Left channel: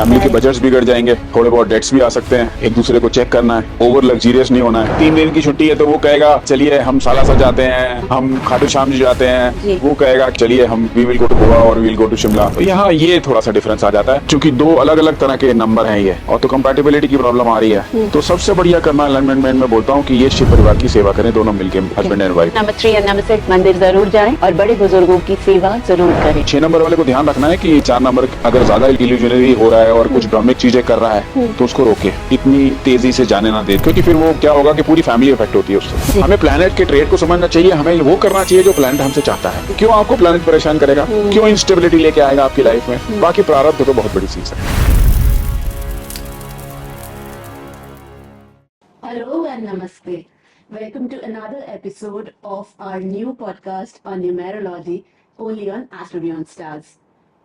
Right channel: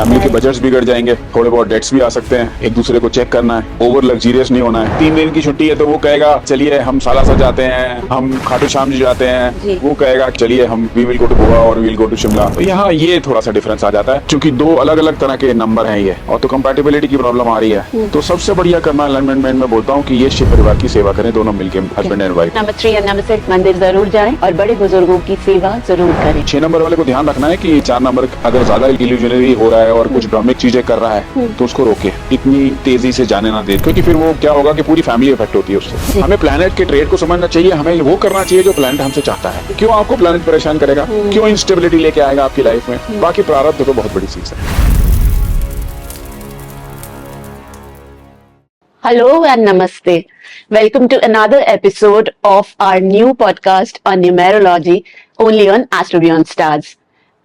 Family के budgets बिगड़ जाएंगे, थोड़े बहुत डेट्स भी आ सकते हैं, एक दूसरे को चेक करना है, ओवर लग्जरियस नहीं होना है। 3 दिन की छुट्टी है तो वो कहेगा चलिए हम सालासर जाते हैं, हम खाटू श्याम जी जाते हैं, वो कहेगा चलिए हम we will go to Goa और we will go to Shimla. तो यहाँ ये थोड़ा सा डिफरेंस आ जाता है, क्योंकि दो अलग अलग तरह के नंबर हैं ये, और तो कंपैटिबिलिटी की प्रॉब्लम आ रही है। तो सबसे बढ़िया करना अलाइनमेंट में बोलता हूँ कि ये शिव परिवार की सेवा करें, दोनों मिलकर, हस्बैंड एंड वाइफ। नंबर 3 और नंबर 6 मंदिर जरूर जाएं और बड़े बुजुर्गों की सेवा जरूर करें। 6 नंबर वाले को ध्यान रखना है कि 4 नंबर अगर ज्यादा इल्यूजनरी हो रहा है और कुछ भ्रमिक चीजें कर रहा है तो उसको रोके, इतनी तेजी से जाने ना दे, क्योंकि फिर वो क्या होगा कि पूरी फैमिली इफेक्ट होती है उससे। हमें प्लैनेट के ट्रेड को समझना चाहिए, हमें वो करना चाहिए जो प्लैनेट हमसे चाहता है। क्यों आपको प्लैनेट परेशान करेगा, क्यों इंस्टेबिलिटी लेके आएगा आपकी लाइफ में, बाकी प्रारब्ध तो बहुत बड़ी चीज है। Hello and Namaste. Welcome to another episode of our new podcast on numerology, only on Astro Beyond Stars.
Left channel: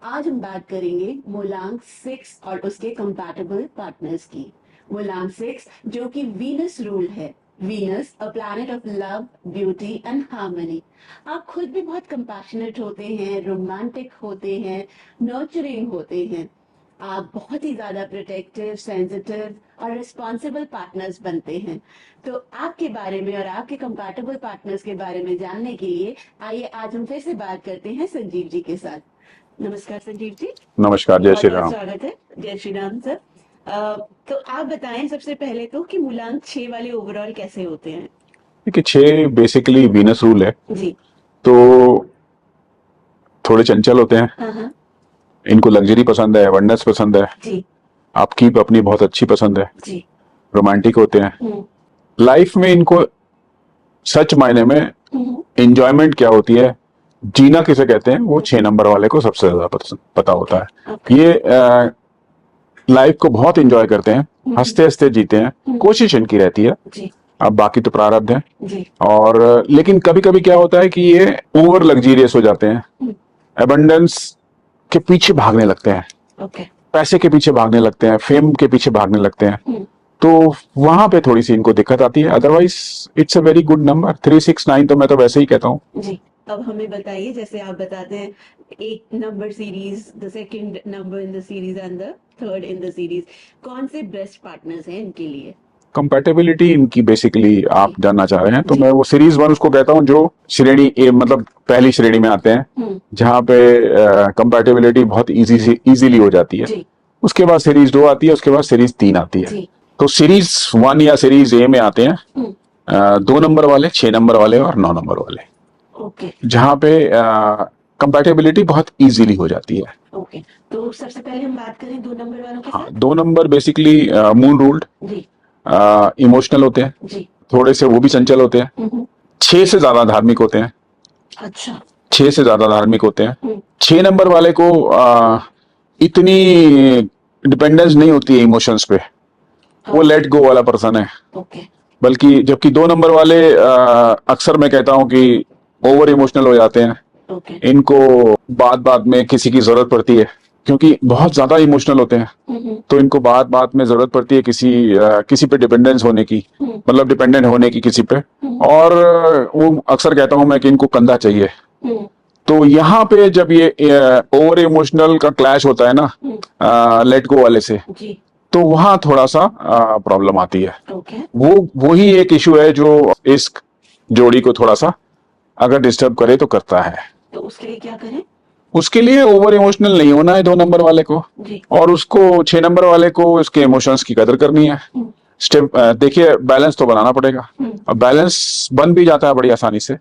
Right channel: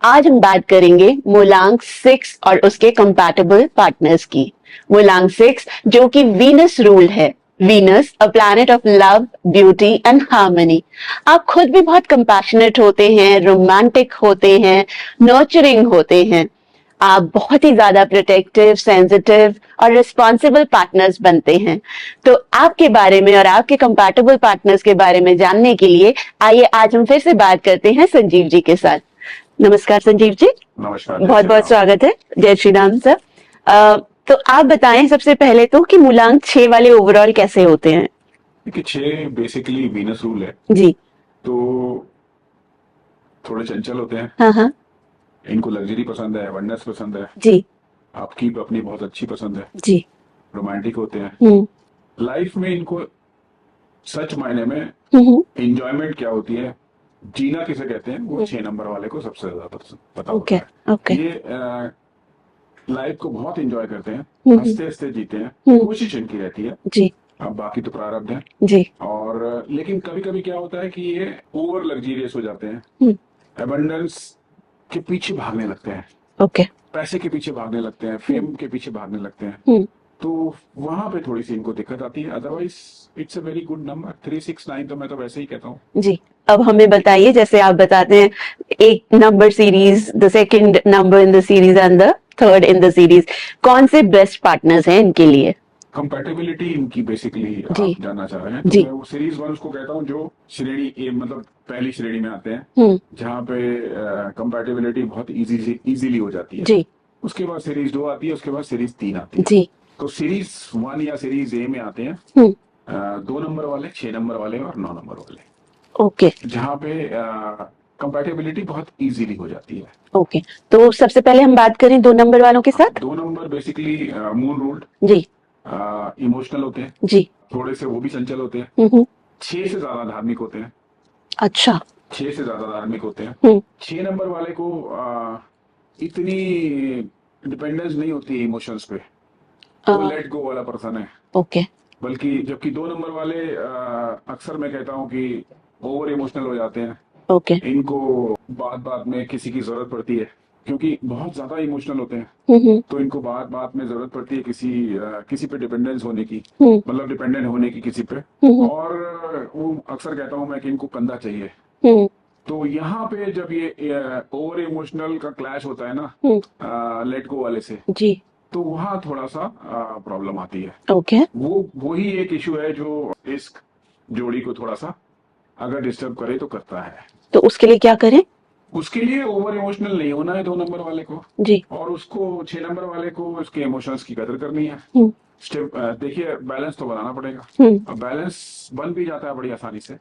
आज हम बात करेंगे मूलांक 6 और उसके कंपैटिबल पार्टनर्स की। मूलांक 6 जो कि वीनस रूल है। Venus a planet of love, beauty and harmony. आप खुद भी बहुत कंपैशनेट होते हैं, रोमांटिक होते हैं, नर्चरिंग होते हैं। आप बहुत ही ज्यादा प्रोटेक्टिव, सेंसिटिव और रिस्पॉन्सिबल पार्टनर्स बनते हैं। तो आपके बारे में और आपके कंपैटिबल पार्टनर्स के बारे में जानने के लिए आइए आज हम फिर से बात करते हैं संजीव जी के साथ। नमस्कार संजीव जी। नमस्कार, बहुत बहुत स्वागत है। जय श्री राम सर। तो आप बताएं सबसे पहले तो कि मूलांक 6 वाले ओवरऑल कैसे होते हैं। देखिए 6 बेसिकली वीनस रूल है जी। तो थोड़े चंचल होते हैं। हाँ। इनको लग्जरी पसंद है, अबंडेंस पसंद है जी। आपकी अपनी बहुत अच्छी पसंद है जी। रोमांटिक होते हैं। लाइफ में इनको सच मायने में एंजॉयमेंट क्या होती है, जीना किसे कहते हैं, वो 6 नंबर वाले को सबसे ज्यादा पता होता है। ये लाइफ को बहुत एंजॉय करते हैं, हंसते हंसते जीते हैं, कोशिश इनकी रहती है जी। अब बाकी तो प्रारब्ध है जी। और लेकिन कभी कभी क्या होता है कि ये ओवर लग्जीरियस हो जाते हैं, एबंडेंस के पीछे भागने लगते हैं, पैसे के पीछे भागने लगते हैं, फेम के पीछे भागने लगते हैं, तो वहां पे थोड़ी सी इनको दिक्कत आती है। Otherwise it's a very good number 369, तो मैं तो वैसे ही कहता हूँ जी। अब हमें बताइए, जैसे आप बताते हैं एक number series, the second number in the series and the third in the series, कौन से बेस्ट पार्टनर्स हैं इनके लिए। कंपैटिबिलिटी इनकी बेसिकली आप जानना चाह रहे हैं तो मैं वो सीरीज 1 उसको कहता हूँ जो श्रेणी ए, मतलब पहली श्रेणी में आते हैं, जहाँ पे कंपैटिबिलिटी बहुत इजीली हो जाती है। उसके बाद सीरीज 2 आती है, उसके बाद सीरीज 3 आती है। तो सीरीज 1 या सीरीज ए में आते हैं 2 नंबर वाले, 6 नंबर वाले और 9 नंबर वाले, जहाँ पे कंपैटिबिलिटी बहुत इजीली हो जाती है। तो सबसे पहले हम बात करें 2 नंबर वालों के साथ। 2 नंबर बेसिकली मून रूल्ड जी, इमोशनल होते हैं जी, थोड़े से वो भी चंचल होते हैं, 6 से ज्यादा धार्मिक होते हैं। अच्छा, 6 से ज्यादा धार्मिक होते हैं। 6 नंबर वाले को इतनी डिपेंडेंस नहीं होती है इमोशंस पे, वो लेट गो वाला पर्सन है। बल्कि जबकि 2 नंबर वाले अक्सर मैं कहता हूँ कि ओवर इमोशनल हो जाते हैं। इनको बात बात में किसी की जरूरत पड़ती है, क्योंकि बहुत ज्यादा इमोशनल होते हैं, तो इनको बात बात में जरूरत पड़ती है किसी पे डिपेंडेंस होने की, मतलब डिपेंडेंट होने की किसी पे, और वो अक्सर कहता हूं मैं कि इनको कंधा चाहिए। तो यहाँ पे जब ये ओवर इमोशनल का क्लैश होता है ना लेट गो वाले से जी, तो वहां थोड़ा सा प्रॉब्लम आती है। वो ही एक इशू है जो इस जोड़ी को थोड़ा सा अगर डिस्टर्ब करे तो करता है। तो उसके लिए क्या करें? उसके लिए ओवर इमोशनल नहीं होना है 2 नंबर वाले को जी, और उसको 6 नंबर वाले को उसके इमोशंस की कदर करनी है। स्टेप देखिए, बैलेंस तो बनाना पड़ेगा, और बैलेंस बन भी जाता है बड़ी आसानी से।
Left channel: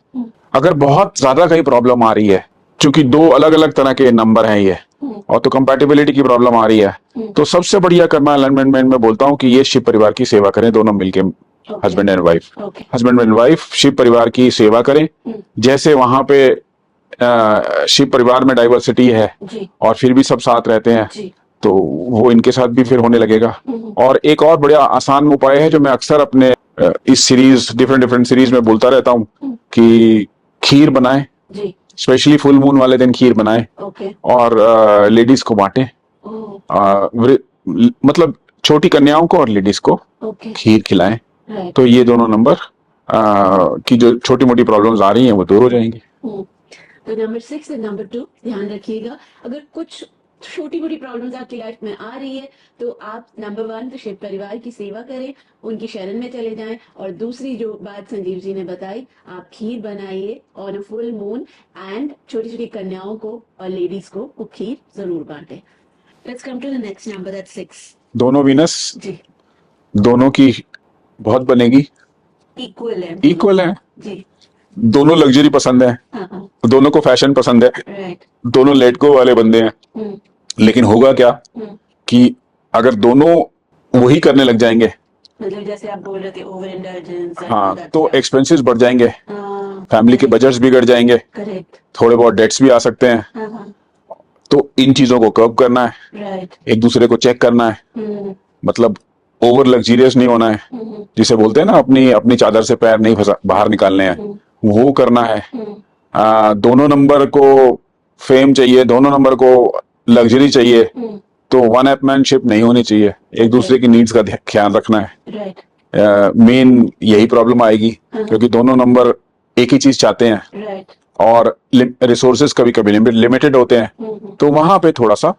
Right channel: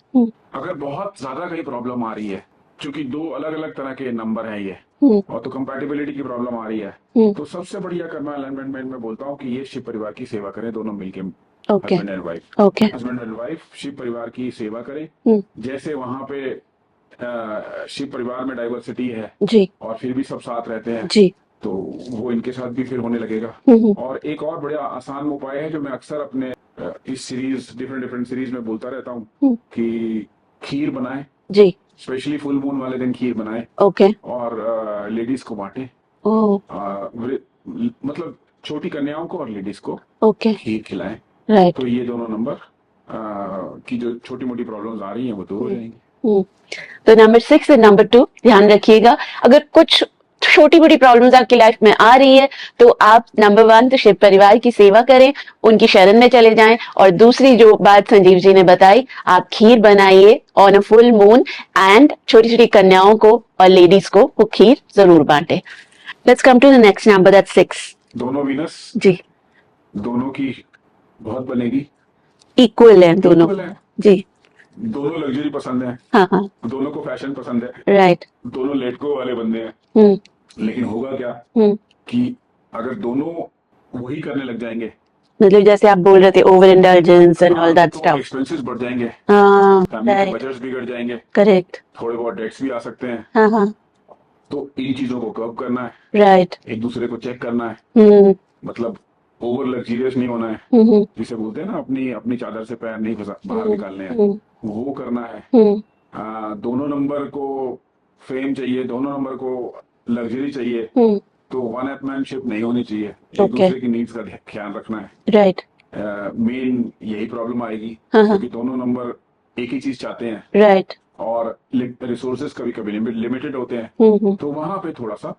अगर बहुत ज्यादा कहीं प्रॉब्लम आ रही है, क्योंकि 2 अलग अलग तरह के नंबर हैं ये, और तो कंपैटिबिलिटी की प्रॉब्लम आ रही है, तो सबसे बढ़िया करना अलाइनमेंट में बोलता हूँ कि ये शिव परिवार की सेवा करें, दोनों मिलके, husband and wife. Husband and wife Shiv परिवार की सेवा करें। जैसे वहां पे शिव परिवार में डाइवर्सिटी है जी, और फिर भी सब साथ रहते हैं जी, तो वो इनके साथ भी फिर होने लगेगा। और एक और बड़ा आसान उपाय है जो मैं अक्सर अपने इस सीरीज डिफरेंट सीरीज में बोलता रहता हूँ कि खीर बनाएं जी, स्पेशली फुल मून वाले दिन खीर बनाएं और लेडीज को बांटें, मतलब छोटी कन्याओं को और लेडीज को खीर खिलाएं। तो ये दोनों नंबर की जो छोटी मोटी प्रॉब्लम्स आ रही हैं वो दूर हो जाएंगी। तो नंबर 6 और नंबर 2 ध्यान रखिएगा। अगर कुछ छोटी मोटी प्रॉब्लम्स आपकी लाइफ में आ रही है तो आप नंबर 1 तो शिव परिवार की सेवा करें, उनकी शरण में चले जाएं। और दूसरी जो बात संजीव जी ने बताई, आप खीर बनाइए on a full moon and छोटी छोटी कन्याओं को और लेडीज को वो खीर जरूर बांटे। Let's come to the next number, that's 6। दोनों वीनस जी दोनों की बहुत बनेगी, इक्वल है दोनों। इक्वल है जी दोनों, लग्जरी पसंद है, हाँ हाँ दोनों को फैशन पसंद है, राइट। दोनों लेट गो वाले बंदे हैं। लेकिन होगा क्या कि अगर दोनों वही करने लग जाएंगे, मतलब जैसे आप बोल रहे थे over indulgence and all that तो स्टफ, एक्सपेंसेस बढ़ जाएंगे, फैमिली के right. बजट्स बिगड़ जाएंगे, करेक्ट। थोड़े बहुत डेट्स भी आ सकते हैं। हाँ हाँ तो इन चीजों को कर्व करना है, राइट। एक दूसरे को चेक करना है, मतलब ओवर लग्जीरियस नहीं होना है, जिसे बोलते हैं ना अपनी अपनी चादर से पैर नहीं फंसा बाहर निकालने हैं, वो करना है। दोनों नंबर को फेम चाहिए, दोनों नंबर को लग्जरी चाहिए, तो वन अपमैनशिप नहीं होनी चाहिए, एक दूसरे की नीड्स का ख्याल रखना है। राइट। मेन यही प्रॉब्लम आएगी, क्योंकि दोनों नंबर एक ही चीज चाहते हैं, राइट। और रिसोर्सेज कभी कभी लिमिटेड होते हैं, तो वहां पे थोड़ा सा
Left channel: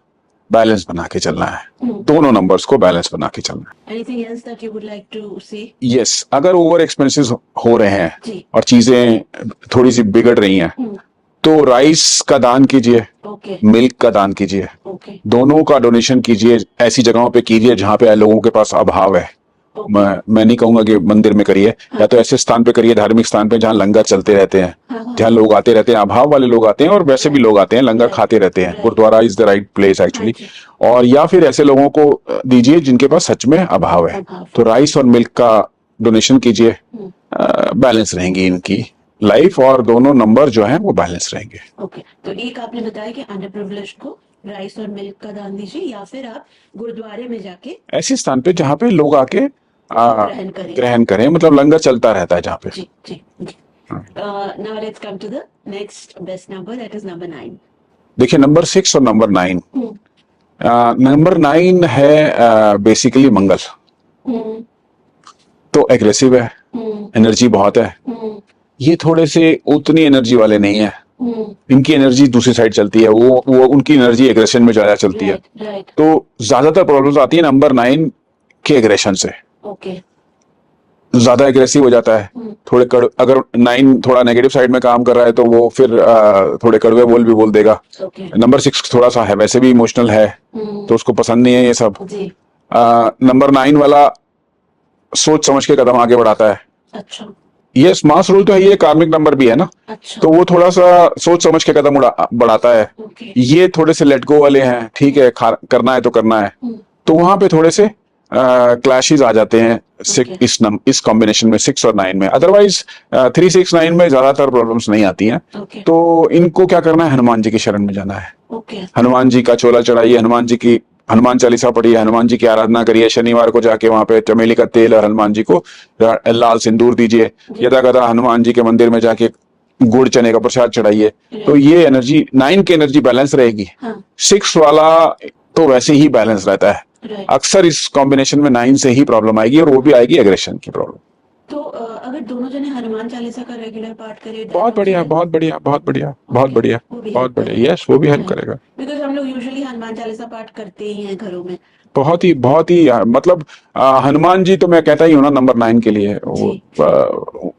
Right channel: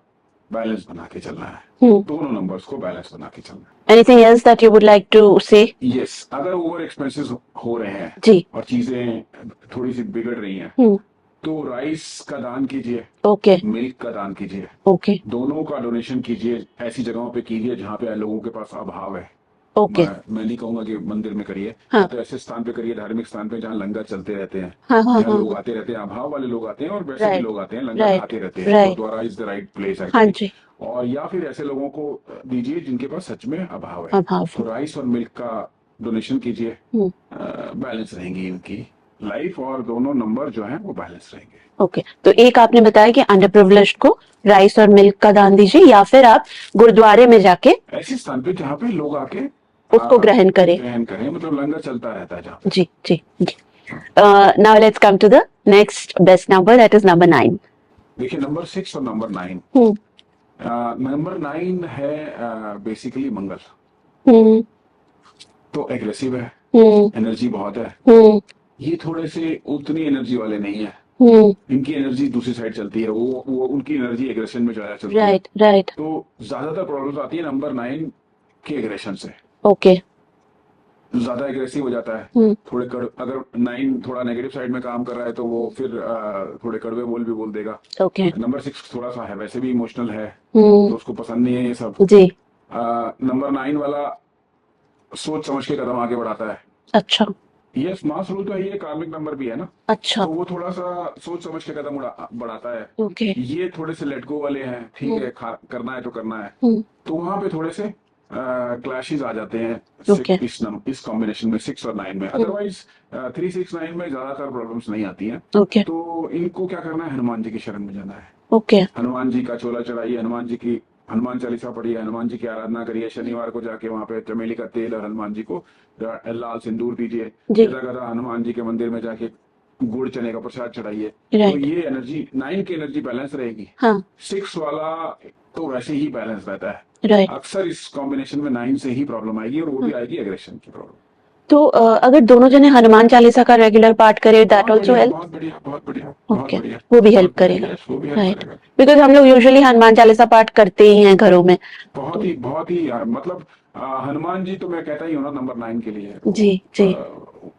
बैलेंस बना के चलना है, दोनों नंबर्स को बैलेंस बना के चलना है। Anything else that you would like to say? Yes, अगर ओवर एक्सपेंसेस हो रहे हैं जी, और चीजें थोड़ी सी बिगड़ रही हैं, तो राइस का दान कीजिए, ओके, मिल्क का दान कीजिए, ओके, दोनों का डोनेशन कीजिए, ऐसी जगहों पे कीजिए जहां पे लोगों के पास अभाव है। मैं नहीं कहूंगा कि मंदिर में करिए, या तो ऐसे स्थान पे करिए, धार्मिक स्थान पे जहाँ लंगर चलते रहते हैं, जहाँ लोग आते रहते हैं, अभाव वाले लोग आते हैं और वैसे भी लोग आते हैं, लंगर खाते रहते हैं। Gurudwara is the right place actually. और या फिर ऐसे लोगों को दीजिए जिनके पास सच में अभाव है, तो राइस और मिल्क का डोनेशन कीजिए, बैलेंस रहेंगी इनकी लाइफ और दोनों नंबर जो है वो बैलेंस रहेंगे। ओके, तो एक आपने बताया कि अंडर प्रिविलेज्ड को राइस और मिल्क का दान दीजिए, या फिर आप गुरुद्वारे में जाके ऐसे स्थान पे जहाँ पे लोग आके उसको ग्रहण करें, मतलब लंगर चलता रहता है जहाँ पे। जी जी जी। Now let's come to the next best number, that is number 9। देखिए नंबर 6 और नंबर 9, नंबर 9 है बेसिकली मंगल, तो एग्रेसिव है, एनर्जी बहुत है। ये थोड़े से उतनी एनर्जी वाले नहीं है, इनकी एनर्जी दूसरी साइड चलती है, वो उनकी एनर्जी एग्रेशन में ज्यादा चलती है, राइट। तो ज्यादातर प्रॉब्लम्स आती है नंबर 9 के एग्रेशन से। ओके, ज्यादा एग्रेसिव हो जाता है, थोड़े अगर 9 थोड़ा नेगेटिव साइड में काम कर रहा है तो वो फिर थोड़े कड़वे बोल भी बोल देगा। नंबर 6 थोड़ा सा है, वैसे भी इमोशनल है, तो उसको पसंद नहीं है ये सब जी। नंबर 9 वाला सोच समझ के कदम आगे बढ़ाता है। अच्छा, ये मास रूल तो है, ये कार्मिक नंबर भी है ना। अच्छा, तो वो थोड़ा सा सोच समझ के कदम बढ़ाता है। ये थोड़े से लेट गो वाले हैं, ठीक है, करना है तो करना है, तो वहां पे थोड़े से क्लैशेस आ जाते हैं इस कॉम्बिनेशन में 6 और 9 में। अदरवाइज 3, 6, 9 में ज्यादातर प्रॉब्लम्स नहीं आती हैं। तो इनको क्या करना है, हनुमान जी की शरण में जाना है। हनुमान जी का चोला चढ़ाइए, हनुमान जी की हनुमान चालीसा पढ़िए, हनुमान जी की आराधना करिए, शनिवार को जाके वहां पे चमेली का तेल और हनुमान जी को लाल सिंदूर दीजिए, यदा कदा हनुमान जी के मंदिर में जाके गुड़ चने का प्रसाद चढ़ाइए, तो ये एनर्जी 9 की एनर्जी बैलेंस रहेगी। 6 वाला तो वैसे ही बैलेंस रहता है। अक्सर इस कॉम्बिनेशन में 9 से ही प्रॉब्लम आएगी, और वो भी आएगी एग्रेशन की प्रॉब्लम। तो अगर दोनों जने हनुमान चालीसा का रेगुलर पाठ करें, बहुत बढ़िया, वो भी हेल्प करेगा। यस, वो भी हेल्प करेगा, बिकॉज हम लोग यूजुअली हनुमान चालीसा पाठ करते ही हैं घरों में। बहुत ही मतलब हनुमान जी तो मैं कहता ही हूँ ना नंबर 9 के लिए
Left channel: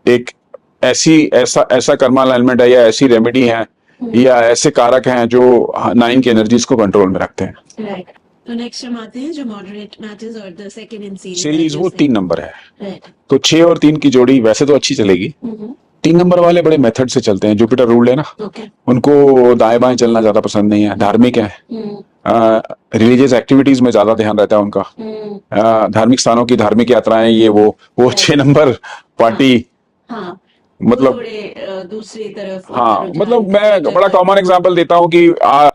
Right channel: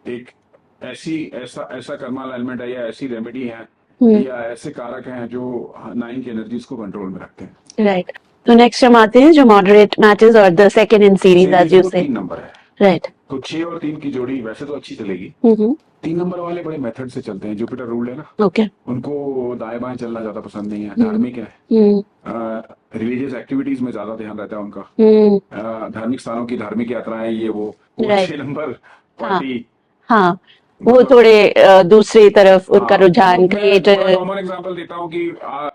एक ऐसा कर्मा अलाइनमेंट है, या ऐसी रेमेडी है, या ऐसे कारक हैं जो 9 की एनर्जीज को कंट्रोल में रखते हैं। राइट। तो नेक्स्ट हम आते हैं जो मॉडरेट मैचेस और द सेकंड इन सीरीज, वो 3 नंबर है। राइट। तो 6 और 3 की जोड़ी वैसे तो अच्छी चलेगी। 3 नंबर वाले बड़े मेथड से चलते हैं, जुपिटर रूल है ना, उनको दाएं बाएं चलना ज्यादा पसंद नहीं है, धार्मिक है, रिलीजियस एक्टिविटीज में ज्यादा ध्यान रहता है उनका, धार्मिक स्थानों की धार्मिक यात्राएं, ये वो 6 नंबर पार्टी, वो थोड़े दूसरी तरफ उनका रुझान। मैं बड़ा कॉमन एग्जांपल देता हूँ कि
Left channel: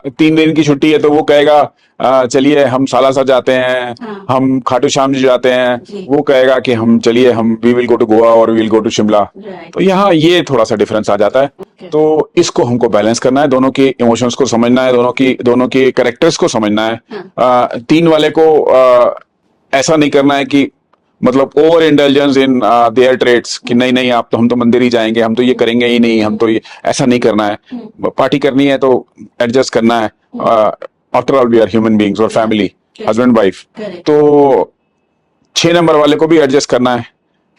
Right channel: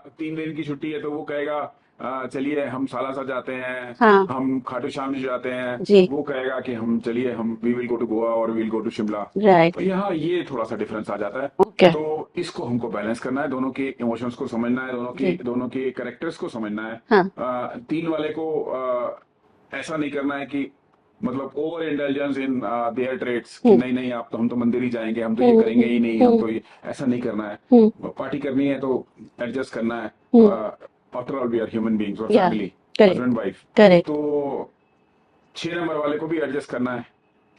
3 दिन की छुट्टी है, तो वो कहेगा चलिए हम सालासर जाते हैं, हम खाटू श्याम जी जाते हैं, वो कहेगा कि हम चलिए हम we will go to Goa और we will go to Shimla. तो यहाँ ये थोड़ा सा डिफरेंस आ जाता है। तो इसको हमको बैलेंस करना है, दोनों के इमोशंस को समझना है, दोनों के कैरेक्टर्स को समझना है। 3 वाले को ऐसा नहीं करना है कि मतलब over intelligence in their trades कि नहीं आप तो हम तो मंदिर ही जाएंगे, हम तो ये करेंगे ही नहीं, हम तो ये ऐसा नहीं करना है। पार्टी करनी है तो एडजस्ट करना है, after all we are human beings और फैमिली, हस्बैंड वाइफ। करेक्ट। तो 6 नंबर वाले को भी एडजस्ट करना है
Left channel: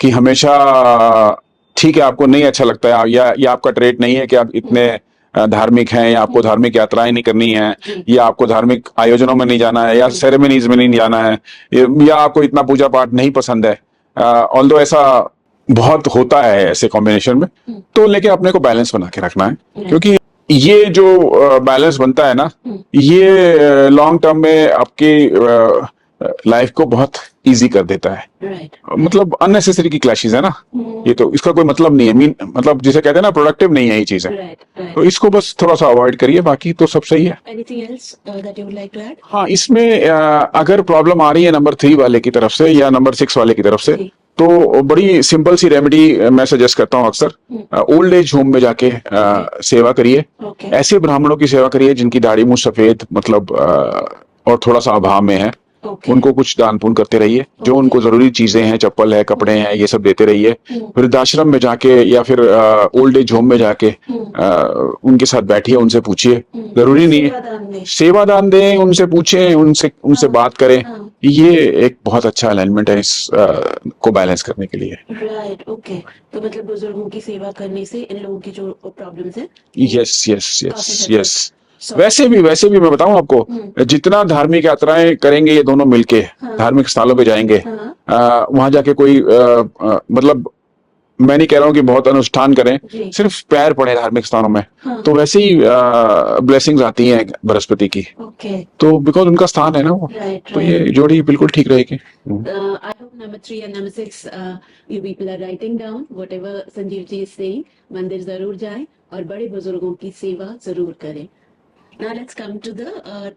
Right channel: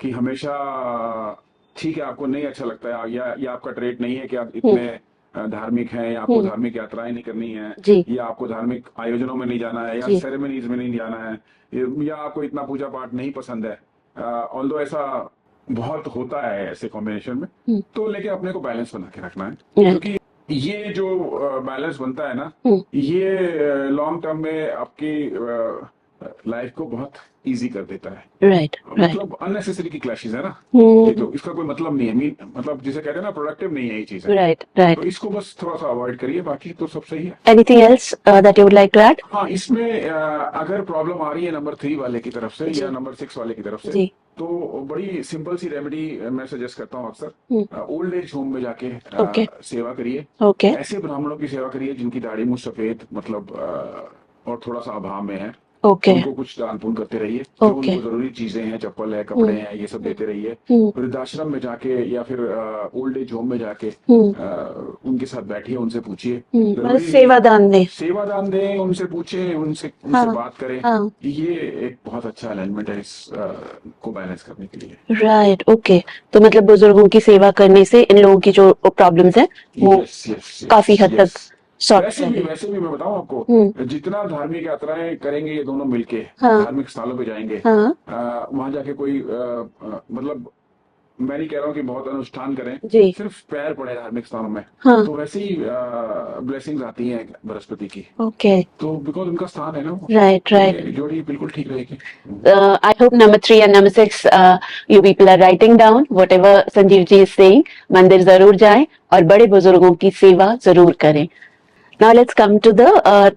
कि हमेशा ठीक है आपको नहीं अच्छा लगता है या आपका ट्रेट नहीं है कि आप इतने धार्मिक हैं, या आपको धार्मिक यात्राएं नहीं करनी है, या आपको धार्मिक आयोजनों में नहीं जाना है, या सेरेमनीज में नहीं जाना है, या आपको इतना पूजा पाठ नहीं पसंद है। ऑल्दो ऐसा बहुत होता है ऐसे कॉम्बिनेशन में, तो लेके अपने को बैलेंस बना के रखना है, क्योंकि ये जो बैलेंस बनता है ना, ये लॉन्ग टर्म में आपकी लाइफ को बहुत इजी कर देता है। राइट। मतलब अननेसेसरी की क्लैशेस है ना, ये तो इसका कोई मतलब नहीं है, मतलब जिसे कहते हैं ना प्रोडक्टिव नहीं है ये चीजें। Right right. तो इसको बस थोड़ा सा अवॉइड करिए, बाकी तो सब सही है। Anything else that you would like to add? हाँ, इसमें अगर प्रॉब्लम आ रही है नंबर 3 वाले की तरफ से या नंबर 6 वाले की तरफ से, तो बड़ी सिंपल सी रेमेडी मैं सजेस्ट करता हूँ अक्सर, ओल्ड एज होम में जाके सेवा करिए। ऐसे ब्राह्मणों की सेवा करिए जिनकी दाढ़ी मुंह सफेद मतलब और थोड़ा सा अभाव में है। उनको कुछ दान पुण्य करते रहिए, जो उनको जरूरी चीजें हैं, चप्पल है, कपड़े हैं, ये सब देते रहिए। वृद्धाश्रम में जाके या फिर ओल्ड एज होम में जाके उनके साथ बैठिए, उनसे पूछिए, जरूरी नहीं सेवा दान दें, उनसे पूछें, उनसे बात करें। ये एक बहुत अच्छा अलाइनमेंट है इस को बैलेंस करने के लिए। Right, okay. तो मतलब बुजुर्गों की सेवा करने से इन लोगों की जो प्रॉब्लम्स है काफी हद तक। वैसे भी मैं बताऊं आपको, जितना धार्मिक यात्राएं करेंगे ये दोनों मिलके, धार्मिक स्थलों पे जाएंगे, वहां जाके कोई मतलब मैं नहीं कह रहा हूँ कि बहुत अनुष्ठान करें, सिर्फ पैर पड़े धार्मिक स्थानों में, तो वैसे ही ब्लेसिंग्स आती हैं बृहस्पति की। तो बिकॉज उनका स्थान है ना वो। राइट। जोड़ी बिल्कुल ठीक रहेगी। I hope number 3 and number 6 you people are writing down whatever Sanjeev ji is saying। मंदिर जरूर जाएं और बड़े बुजुर्गों की सेवा जरूर करें। Now let's come to the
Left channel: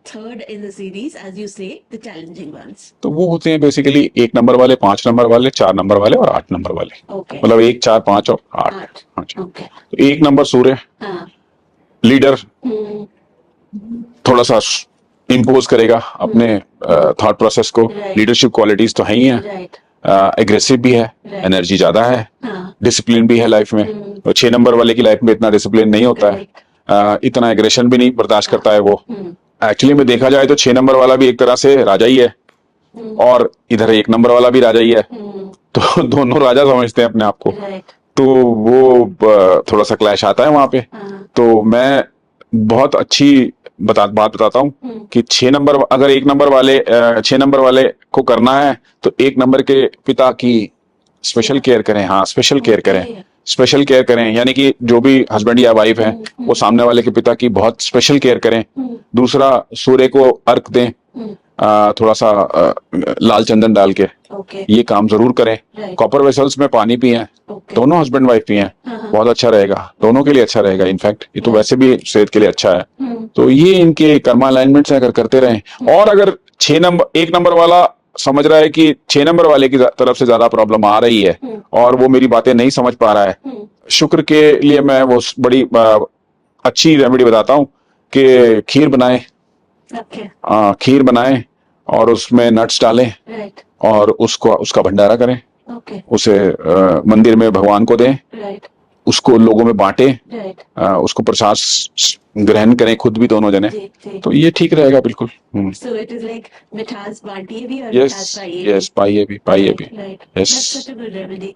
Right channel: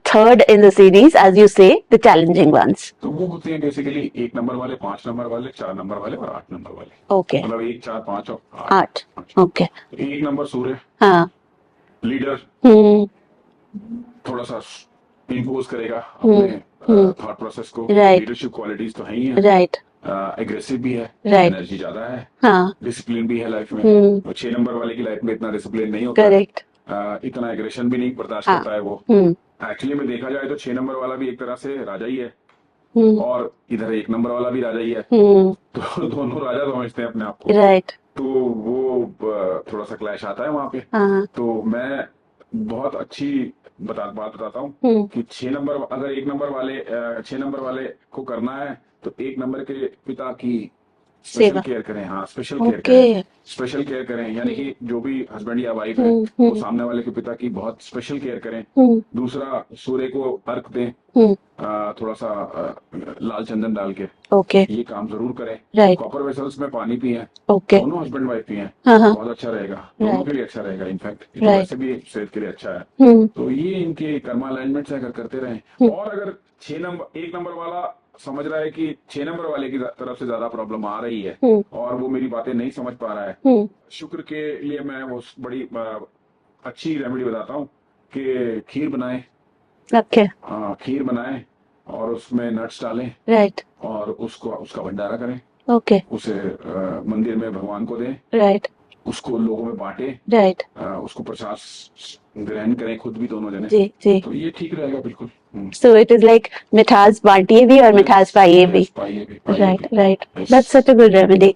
third in the series, as you say, the challenging ones. तो वो होते हैं बेसिकली 1 नंबर वाले, 5 नंबर वाले, 4 नंबर वाले और 8 नंबर वाले। Okay. मतलब 1, 4, 5 और 8। Okay. तो 1 नंबर सूर्य, लीडर, थोड़ा सा इम्पोज करेगा अपने थॉट प्रोसेस को। लीडरशिप क्वालिटीज तो है ही है, एग्रेसिव भी है, एनर्जी ज्यादा है, डिसिप्लिन भी है लाइफ में। तो 6 नंबर वाले की लाइफ में इतना डिसिप्लिन नहीं होता है, इतना एग्रेशन भी नहीं बर्दाश्त करता है वो। एक्चुअली में देखा जाए तो 6 नंबर वाला भी एक तरह से राजा ही है, और इधर 1 नंबर वाला भी राजा ही है, तो दोनों राजा समझते हैं अपने आप को। तो वो थोड़ा सा क्लैश आता है वहां पे। तो मैं बहुत अच्छी बात बताता हूँ कि 6 नंबर, अगर 1 नंबर वाले 6 नंबर वाले को करना है तो 1 नंबर के पिता की स्पेशल केयर करें। हाँ, स्पेशल केयर करें, स्पेशल केयर करें, यानी कि जो भी हस्बैंड या वाइफ है वो सामने वाले के पिता की बहुत स्पेशल केयर करें। दूसरा, सूर्य को अर्घ दें, थोड़ा सा लाल चंदन डाल के। ये काम जरूर करें। कॉपर वेसल्स में पानी पिएं, दोनों हस्बैंड वाइफ पिएं, बहुत अच्छा रहेगा, दोनों के लिए अच्छा रहेगा। इनफैक्ट ये तो वैसे भी सेहत के लिए अच्छा है। तो ये इनके कर्मा अलाइनमेंट्स अगर करते रहें। और अगर 1 नंबर वाला समझ रहा है कि 6 नंबर वाले की तरफ से ज्यादा प्रॉब्लम आ रही है और वो मेरी बातें नहीं समझ पा रहा है, शुक्र के लिए मैं वो बड़ी अच्छी रेमेडी बताता हूँ कि खीर बनाएं। खीर बनाएं और उसमें नट्स डालें, और उसका भंडारा करें। उसे मंदिर में भगवान को दें, उसको लोगों में बांटें, उसको प्रसाद ग्रहण करें खुद भी, दोनों जने। तो ये ठीक रहेगा बिल्कुल। So it is like मिठास बांटिए भी और मिठास पाइए भी। पाइए भी। Right. That's such a good remedy.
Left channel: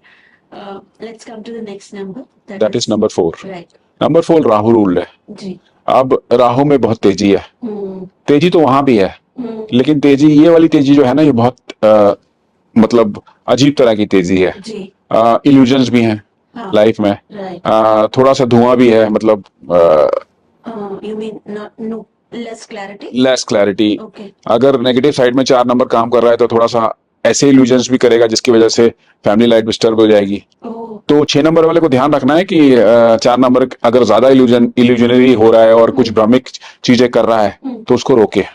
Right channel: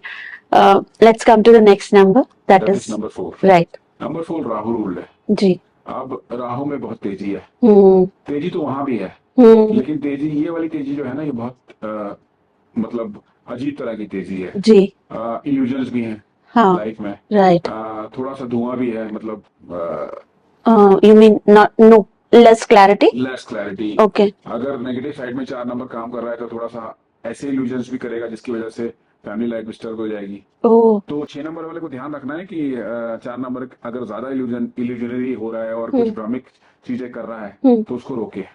Let's come to the next number. That is number 4. Right. Number 4 Rahu ruled है जी। अब राहु में बहुत तेजी है। तेजी तो वहां भी है, लेकिन तेजी, ये वाली तेजी जो है ना, ये बहुत मतलब अजीब तरह की तेजी है जी। इल्यूजन्स भी हैं लाइफ में। थोड़ा सा धुआं भी है, मतलब you mean no less clarity? Okay. अगर नेगेटिव साइड में 4 नंबर काम कर रहा है तो थोड़ा सा ऐसे इल्यूजन्स भी करेगा जिसकी वजह से फैमिली लाइफ डिस्टर्ब हो जाएगी। तो 6 नंबर वाले को ध्यान रखना है कि 4 नंबर अगर ज्यादा इल्यूजनरी हो रहा है और कुछ भ्रमिक चीजें कर रहा है तो उसको रोके,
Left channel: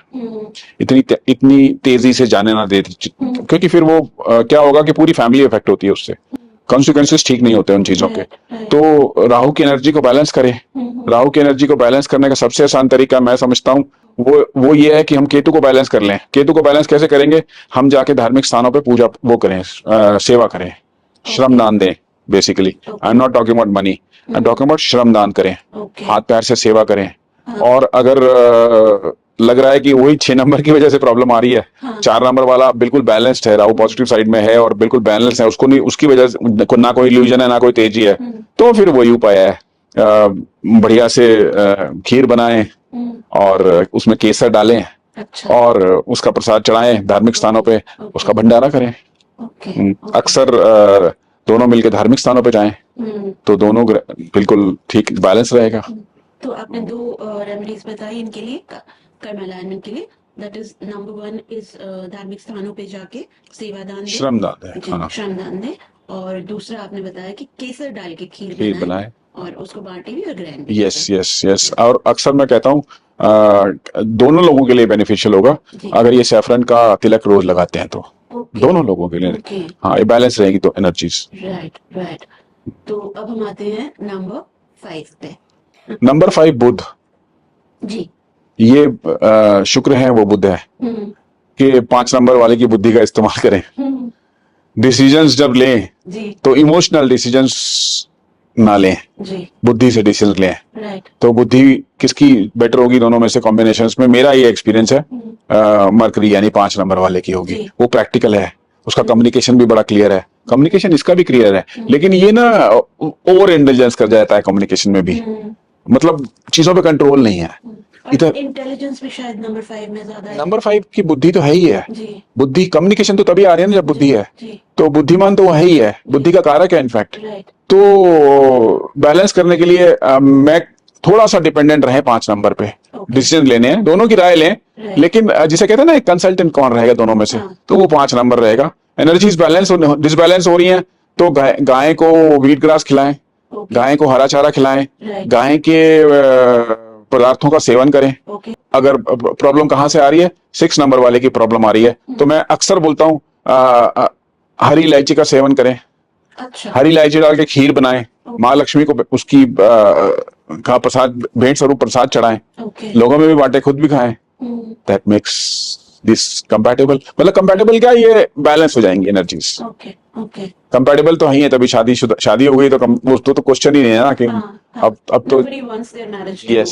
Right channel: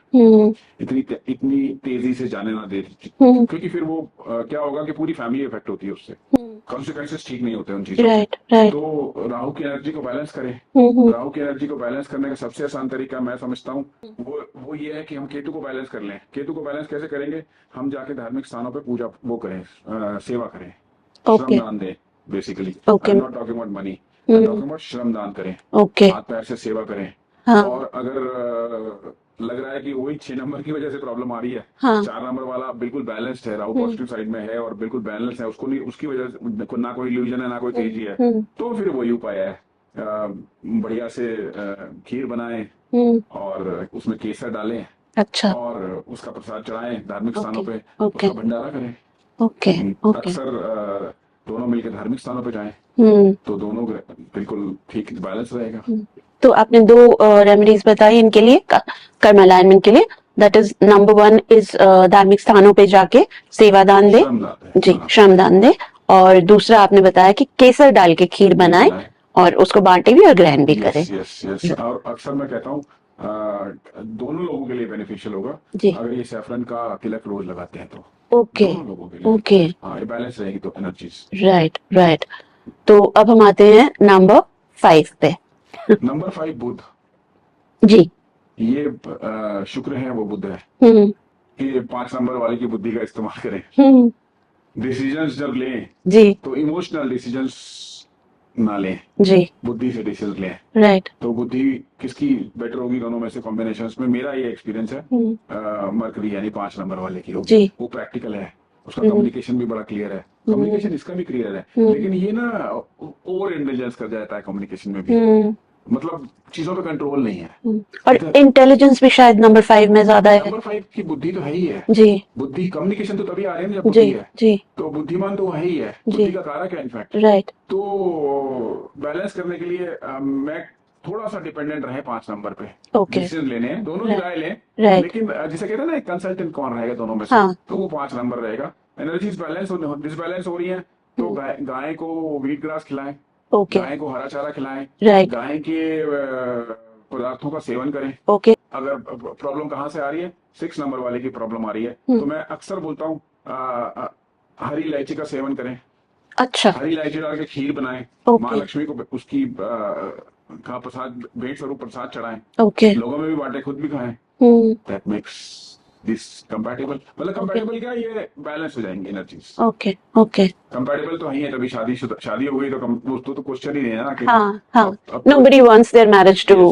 इतनी तेजी से जाने ना दे, क्योंकि फिर वो क्या होगा कि पूरी फैमिली इफेक्ट होती है उससे, कॉन्सिक्वेंसेस ठीक नहीं होते उन चीजों के। तो राहु की एनर्जी को बैलेंस करें। राहु की एनर्जी को बैलेंस करने का सबसे आसान तरीका मैं समझता हूँ वो ये है कि हम केतु को बैलेंस कर लें। केतु को बैलेंस कैसे करेंगे? हम जाके धार्मिक स्थानों पे पूजा वो करें, सेवा करें, श्रम दान दें। Basically I am not talking about money, I am talking about श्रम दान करें, हाथ पैर से सेवा करें। और अगर लग रहा है कि वही 6 नंबर की वजह से प्रॉब्लम आ रही है। हाँ। 4 नंबर वाला बिल्कुल बैलेंस्ड है, राहु पॉजिटिव साइड में है और बिल्कुल बैलेंस है, उसको नहीं, उसकी वजह से ना कोई इल्यूजन है ना कोई तेजी है। तो फिर वही उपाय है, बढ़िया से खीर बनाएं और उसमें केसर डालें। अच्छा। और उसका प्रसाद चढ़ाएं धार्मिक स्थानों पे, उसका भंडारा करें। ओके। अक्सर दोनों मिलकर धार्मिक स्थानों पे जाएं तो दोनों बिल्कुल ठीक बैलेंस रहेगा। तो आपने 2 रेमेडीज बताई इनके लिए, कर्म अलाइनमेंट के लिए। दैट इज नंबर 1 इज धार्मिक स्थानों पे जाके सेवादान दे, जी, श्रमदान दे। और दूसरा आपने बताया कि केसर डाल के खीर बनाए और उसको बांटे भी और ग्रहण भी करें। Yes yes. और अक्सर मैं कहता हूँ दोनों लोगों के लिए बेनिफिशियल होगा अगर ये सैफरन का तिलक रोज लगाते हैं तो। दोनों लोगों के लिए। हाँ, ये बैलेंस रहेगी तो एनर्जीज। राइट। तो अब हम आते हैं नंबर 5 पे। नंबर 5 बुध जी। ये शुक्र है वो बुध है कि 5 नंबर वाले की बुद्धि का इस्तेमाल करें। डिसीजंस जब लें जी तो इमोशनल डिसीजंस ना लें, जी, बुद्धि से डिसीजन लें। राइट। तो बुद्धि किसकी बेटर होगी दोनों में से कॉम्बिनेशंस में? मेरा ये एक्सपीरियंस है मरकरी यानी 5 नंबर वाले की होगी। वो प्रैक्टिकल है, उसका कम्युनिकेशन भी बड़ा क्लियर है, कम्युनिकेशन इसका भी क्लियर है, लेकिन ये ना ओवर इंटेलिजेंस कर जाता है कम्युनिकेशन में भी, मतलब चीजों पे कंट्रोल नहीं है। और इंटेलिजेंस भी शायद नंबर 5 में ज्यादा है। नंबर 5 की बुद्धि तो है ही है जी। बुद्धि, कम्युनिकेशन तो तभी आ रही है ना जब बुद्धि है जी। तो बुद्धिमान तो है ही है, बुद्धि का कारक है इनफैक्ट। राइट। तो बैलेंस करने के लिए मैं थोड़ा सा डिपेंडेंट रहे 5 नंबर पे। डिसीजन लेने हैं, दोनों की राय लें, लेकिन जिसे कहते हैं ना एक कंसल्टेंट कौन रहेगा दोनों में से, तो वो 5 नंबर रहेगा। एनर्जीज बैलेंस डिसबैलेंस हो रही है तो गाय को व्हीट ग्रास खिलाएं, गाय को हरा चारा खिलाएं, गाय के पदार्थों का सेवन करें। अगर प्रॉब्लम कहाँ से आ रही है, 6 नंबर वाले की प्रॉब्लम आ रही है तो मैं अक्सर बोलता हूँ हरी इलायची का सेवन करें। अच्छा। हरी इलायची डाल के खीर बनाएं, माँ लक्ष्मी को उसकी का प्रसाद, भेंट स्वरूप प्रसाद चढ़ाएं, लोगों में भी बांटे, खुद भी खाएं। दैट मेक्स दिस कंपैटिबल, मतलब कंपैटिबल क्या, ये बैलेंस हो जाएंगी एनर्जीज। ओके। कंपैटिबल तो ही है, तभी शादी हो गई तो क्वेश्चन ही नहीं है ना कि अब तो nobody wants their marriage to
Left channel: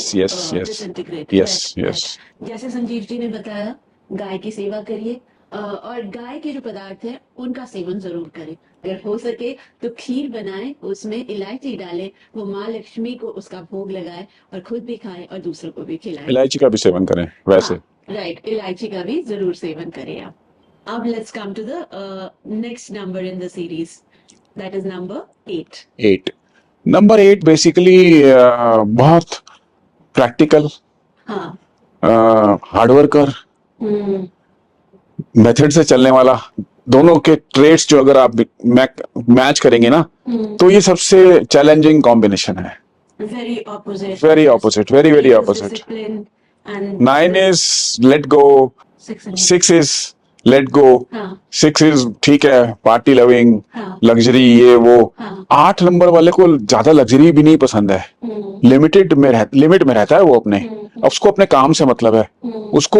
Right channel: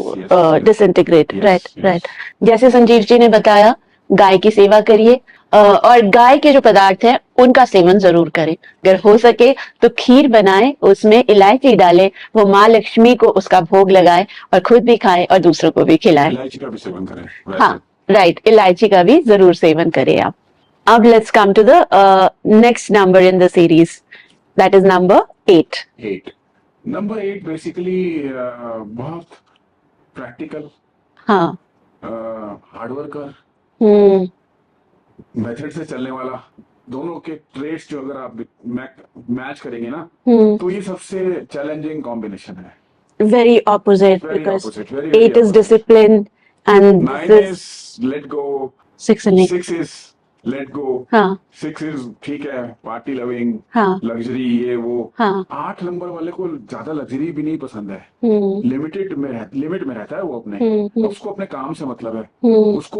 disintegrate। Right. जैसे संजीव जी ने बताया, गाय की सेवा करिए और गाय के जो पदार्थ है उनका सेवन जरूर करें। अगर हो सके तो खीर बनाए, उसमें इलायची डालें, वो माँ लक्ष्मी को उसका भोग लगाए और खुद भी खाए और दूसरों को भी खिलाए। इलायची का भी सेवन करें वैसे। हाँ, राइट, इलायची का भी जरूर सेवन करें आप। अब let's come to the next number in the series, that is number 8। Number 8 basically बहुत प्रैक्टिकल, हाँ, हार्ड वर्कर, मेथड से चलने वाला। दोनों के ट्रेड्स जो अगर आप मैच करेंगे ना तो ये सबसे चैलेंजिंग कॉम्बिनेशन है। Very opposite, very opposite, very opposite. Discipline and 9 is let go, 6 is let go, 6 is ठीक है, पार्टी लविंग, लग्जरी, ये वो। 8 नंबर वाले को ज्यादा लग्जरी भी नहीं पसंद है, लिमिट में रहता है वो अपने, उसको अपने काम से मतलब है, उसको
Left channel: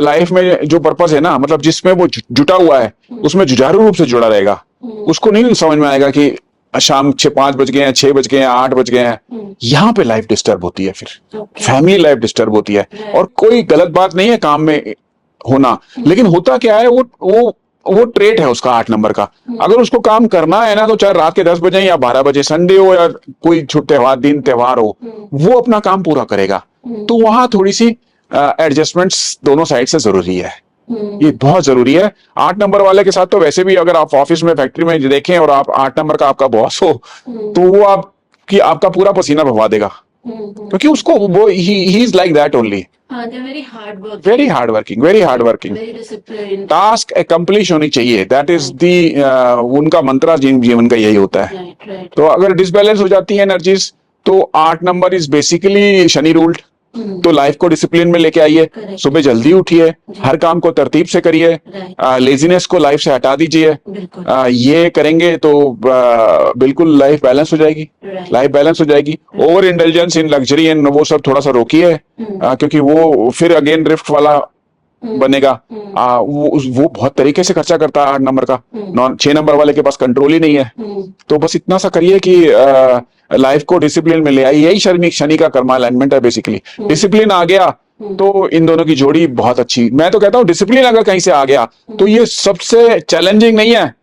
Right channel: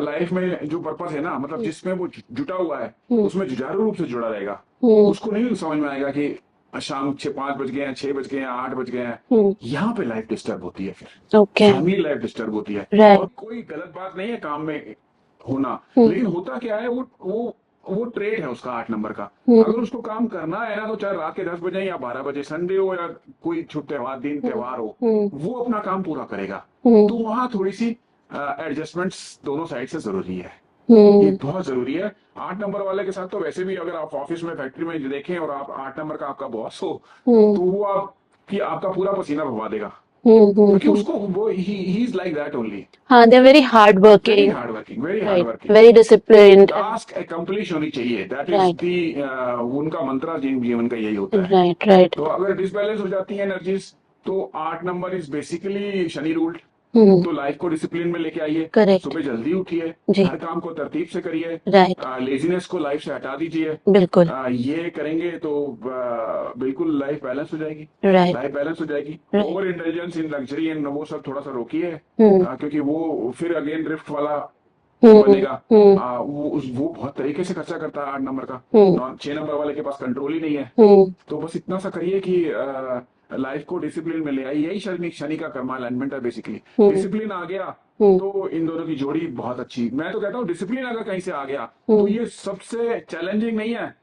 लाइफ में जो पर्पस है ना, मतलब जिसमें वो जुटा हुआ है उसमें जुझारू रूप से जुड़ा रहेगा। उसको नहीं समझ में आएगा कि शाम 5 बज गए हैं, 6 बज गए हैं, 8 बज गए हैं। यहाँ पे लाइफ डिस्टर्ब होती है, फिर फैमिली लाइफ डिस्टर्ब होती है। और कोई गलत बात नहीं है काम में होना, लेकिन होता क्या है, वो ट्रेट है उसका 8 नंबर का। अगर उसको काम करना है ना तो चाहे रात के 10 बजे या 12 बजे, संडे हो या कोई त्योहार हो, वो अपना काम पूरा करेगा। तो वहां थोड़ी सी एडजस्टमेंट्स दोनों साइड से जरूरी है, ये बहुत जरूरी है। 8 नंबर वाले के साथ तो वैसे भी अगर आप ऑफिस में, फैक्ट्री में देखें और आप 8 नंबर का आपका बॉस हो तो वो आपका पूरा पसीना बहवा देगा, क्योंकि उसको वो ही इज लाइक दैट ओनली। हाँ, they are very hard working, very discipline. Task accomplish होनी चाहिए, दैट इज दी उनका मंत्रा जीवन का यही होता है। राइट। तो अगर डिसबैलेंस हो जाती है एनर्जीज तो 8 number is basically Shani ruled. तो लाइफ को डिसिप्लिन में लेके आइए, सुबह जल्दी उठिए, हर काम को तरतीब से करिए, लेजीनेस को लाइफ से हटा दीजिए। ये करेंगे तो बिल्कुल लाइफ बैलेंस हो जाएगी, लाइफ बैलेंस हो जाएगी। Over intelligence in luxury and वो सब थोड़ा सा रोकिए, क्योंकि वो फिर अगेन ड्रिफ्ट वाला बनेगा। वो बहुत तरीके से खर्चा करता है 8 नंबर का, 6 नंबर वाले के पास कंट्रोल ही नहीं है। तो बस इतना सा करिए कि लाइफ को डिसिप्लिन में ले आई, यही शनि का कर्मा अलाइनमेंट है बेसिकली। डिसिप्लिन आ गया तो इन दोनों की जोड़ी बहुत अच्छी। मैं तो कहता हूँ डिसिप्लिन अगर कहीं से आ गया तो ये सबसे चैलेंजिंग नहीं है,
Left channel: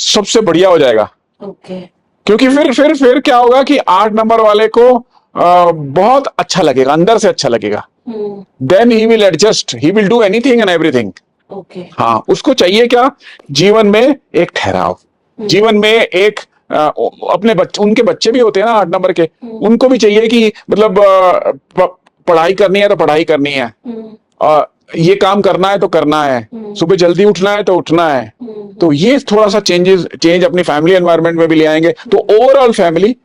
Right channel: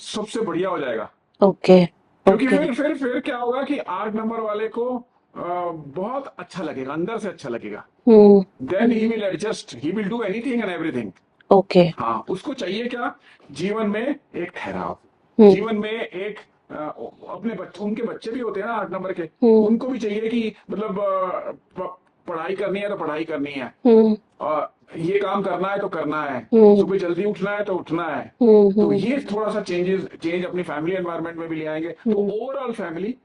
सबसे बढ़िया हो जाएगा। ओके। क्योंकि फिर क्या होगा कि 8 नंबर वाले को बहुत अच्छा लगेगा, अंदर से अच्छा लगेगा। Then he will adjust, he will do anything and everything. Okay. हाँ, उसको चाहिए क्या, जीवन में एक ठहराव, जीवन में एक अपने बच्चे, उनके बच्चे भी होते हैं ना 8 नंबर के, उनको भी चाहिए कि मतलब पढ़ाई करनी है तो पढ़ाई करनी है, ये काम करना है तो करना है, सुबह जल्दी उठना है तो उठना है। तो ये थोड़ा सा चेंज अपनी फैमिली एनवायरनमेंट में भी ले आएंगे तो ओवरऑल फैमिली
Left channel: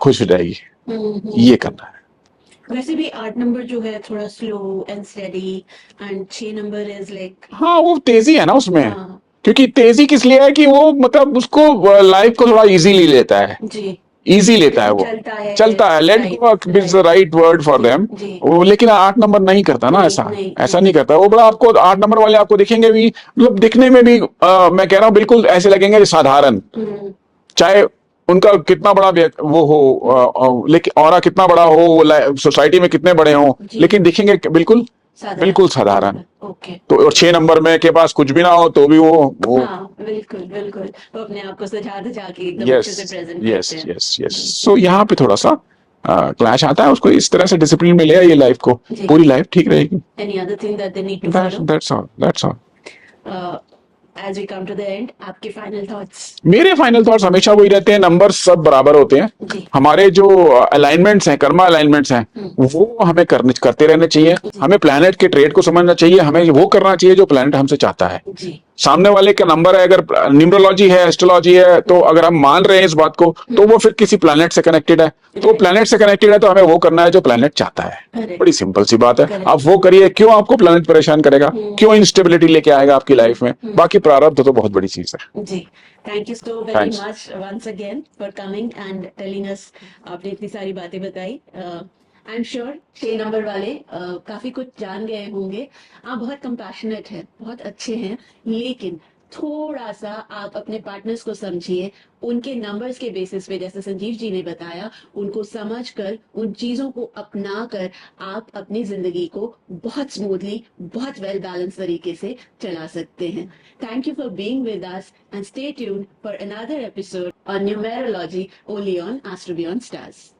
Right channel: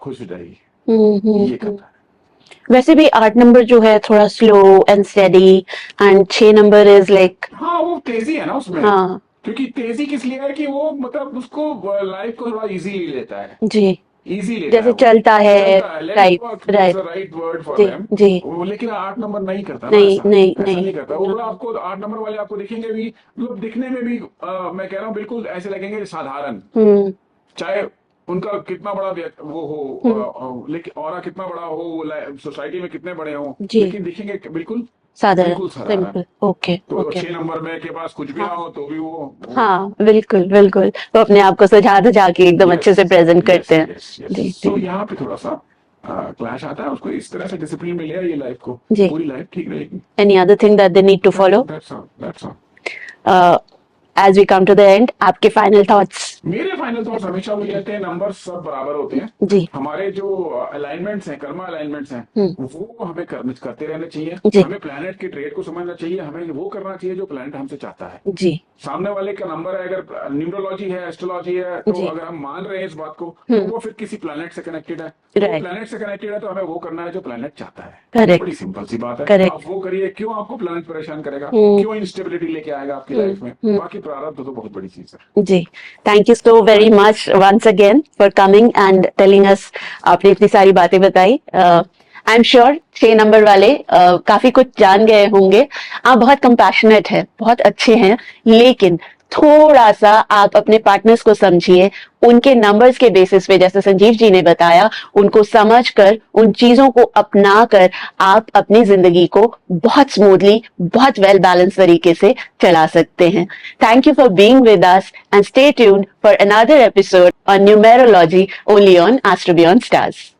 खुश हो जाएगी। ये करना है। वैसे भी 8 नंबर जो है थोड़ा slow and steady, and 6 number is like, हाँ वो तेजी है ना उसमें। हाँ। क्योंकि तेजी किस लिए है कि वो मतलब उसको लाइफ को थोड़ा इजीली लेता है, जी। इजी लेता है, वो चलता है late work is the right word for them. वो लेकिन 8 नंबर नहीं करता ना, ऐसा नहीं करता वो। बड़ा आपको 8 नंबर वाले आपको दिखेंगे भी, मतलब दिखने में भी मैं कह रहा हूँ बिल्कुल ऐसे लगेंगे साधारण, चाहे उनका कितना बड़ा वो हो, लेकिन ऑरा कितना बड़ा हो, सोसाइटी में कितने बड़े हो, लेकिन दिखेंगे बिल्कुल साधारण। ओके। तो 6 नंबर में के पास कुछ भी ना हो तो भी वो हाँ बिल्कुल बिल्कुल, तो अपने आप को सजा के एकदम अच्छे से प्रेजेंट करते हैं। सो यहाँ पे थोड़ा सा क्लैश आता है, उसको इस तरह से डिसिप्लिन में ले आइए, लाइफ को पूरी लाइफ ठीक रहेगी। Any other thing that they need to follow? That's all. As we come to the end, आपके फाइनल थॉट्स? मेरे फाइनल थॉट्स हमेशा वही रहते हैं, नंबर सब बराबर होते हैं। हमारे जो अलाइनमेंट्स हैं, कर्मा अलाइनमेंट्स हैं, वो हमें करते रहने चाहिए। हमें प्लैनेट के ट्रेड को समझना चाहिए, हमें वो करना चाहिए जो प्लैनेट हमसे चाहता है। सामने वाले का नंबर है, अगर न्यूमरोलॉजी है, एस्ट्रोलॉजी है, तो अगर हम मान रहे हैं इस बात को तो वो फिर किसी प्लैनेट से कनेक्टेड है। तो प्लैनेट से कनेक्टेड है तो हमें वो करना है जो प्लैनेट चाहता है। बड़ी सिंपल सी बात है, आप वो करिए। क्यों आपको प्लैनेट परेशान करेगा, क्यों इंस्टेबिलिटी लेके आएगा आपकी लाइफ में? बाकी प्रारब्ध तो बहुत बड़ी चीज है। जी, thank you so very much once again for coming and telling us. आपने इतनी सारी बातें बताई। आई एम श्योर 6 नंबर वाले काफी कुछ जान गए होंगे। आप बहुत कंपैशनेट है, बहुत अच्छे हैं, लेकिन थोड़ा सा आप अपने पार्टनर्स को समझिए, उनके नंबर्स के बेसिस पे, जैसे संजीव जी ने बताया, उनको समझकर, उन चीजों को अपना कर आप अपनी जिंदगी को बहुत स्मूथली, बहुत वेल बैलेंस तरीके से चला सकते हैं। Thank you for being with us and stay tuned for another episode on numerology only on astro beyond stars.